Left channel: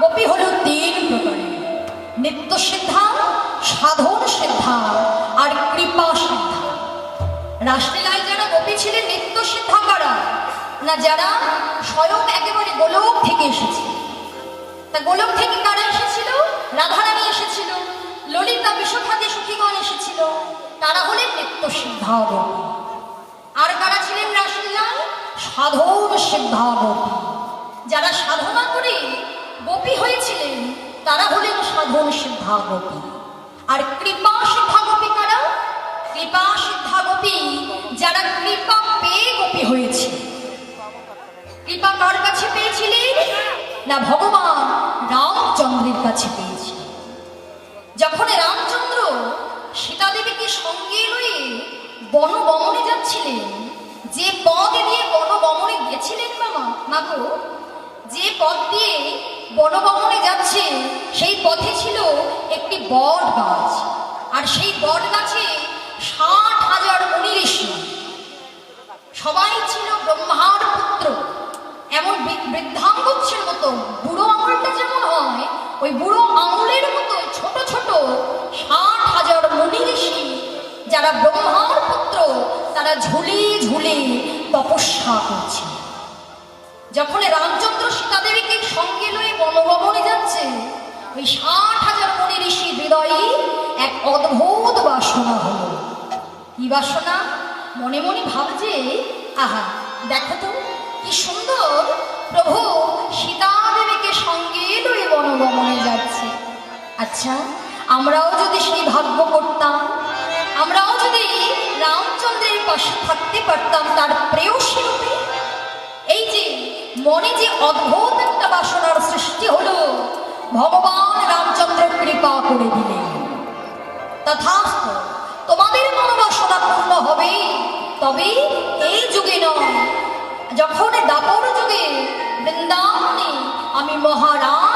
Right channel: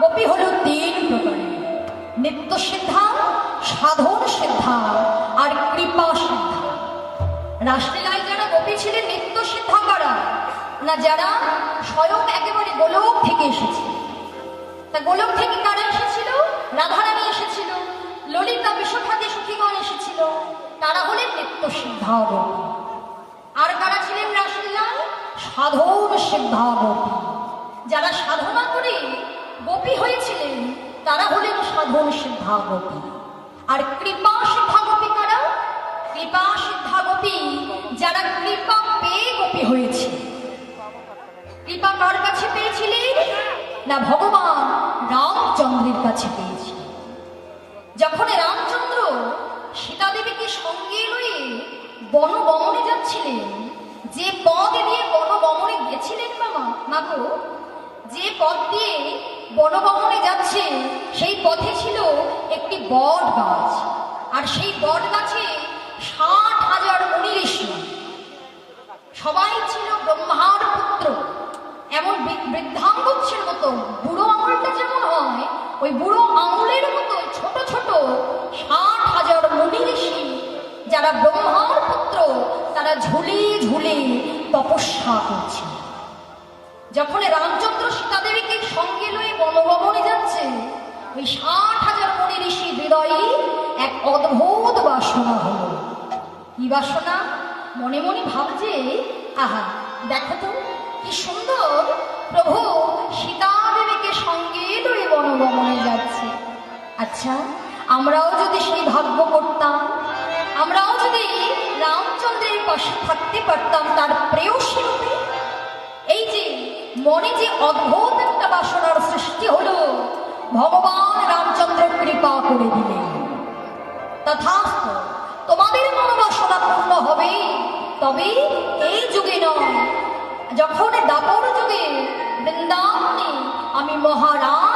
গোপী হল তিন প্রকারের, নিত্য সিদ্ধা, সাধন সিদ্ধা আর কৃপা সিদ্ধা। রাসলীলায় যারা গোপী ছিলেন নিত্য সিদ্ধা কারা না, যারা স্বয়ং একেবারে গোলক থেকে এসেছে। তা গোলক থেকে কারা এসেছিল? রাধারানী এসেছিল, ললিতা বিশ্বখাতে সখীগণ এসেছিল, তারা হলেন নিত্য সিদ্ধা গোপী। আর কারা ছিলেন রাসলীলায়? সাধন সিদ্ধা গোপী। যারা সাধনা করে গোপী হয়েছিলেন তারা হলেন সাধন সিদ্ধা গোপী। আর কৃপা সিদ্ধা গোপী কারা? কৃপা সিদ্ধা গোপী যারা কৃপা পেয়ে গোপী হয়েছে। কৃপা কার কাছে পেয়েছিলেন না, ভগবান রামচন্দ্রের কাছে পেয়েছিলেন। যখন রামচন্দ্র সীতা দেবীকে সঙ্গে লয়ে বনগমনে যাচ্ছিলেন, যে পথ দিয়ে বনগমনে গেছিলেন মাগো, যে পথ দিয়ে বনগমনে যাচ্ছে সেই পথে ছিল একটি বট গাছ। আর সেই বট গাছে 60,000 মুনি ঋষি, সবাই ছিল ব্রহ্মার পুত্র। এমন বৃদ্ধাঙ্গুচ্ছের মতো, বুড়ো আঙুলটা যেমন হয় ওই বুড়ো আঙুলের মতো ছোট ছোট 60,000 মুনি ঋষি, যারা ব্রহ্মার পুত্র, তারা ঝুলে ঝুলে তপস্যা করছে। যখন রামচন্দ্র সীতা দেবীকে সঙ্গে লয়ে বনগমনে যাচ্ছে, ওই 60,000 মুনি ঋষি হৃদয়ে এক অদ্ভুত বাসনা হলো। কি বাসনা? মনে মনে ভাবছে, আহা দেখো তো কি সুন্দর প্রভু সীতা দেবীকে সঙ্গে লয়ে বনগমনে যাচ্ছে। আচ্ছা, আমরাও যদি সেই ভাগ্য করতাম, আমরাও যদি রামচন্দ্রের পাশে থাকতে পারতাম তার প্রেয়সী রূপে। এই যে মনে যে অদ্ভুত একটা বাসনার সৃষ্টি হলো, ভগবান রামচন্দ্র কৃপা করে দিলেন। তথাস্তু, তোমাদের মনোবাসনা পূর্ণ হবে, তবে এই যুগে নয়, যখন দাপর যুগে বৃন্দাবনে আমি মহারাজ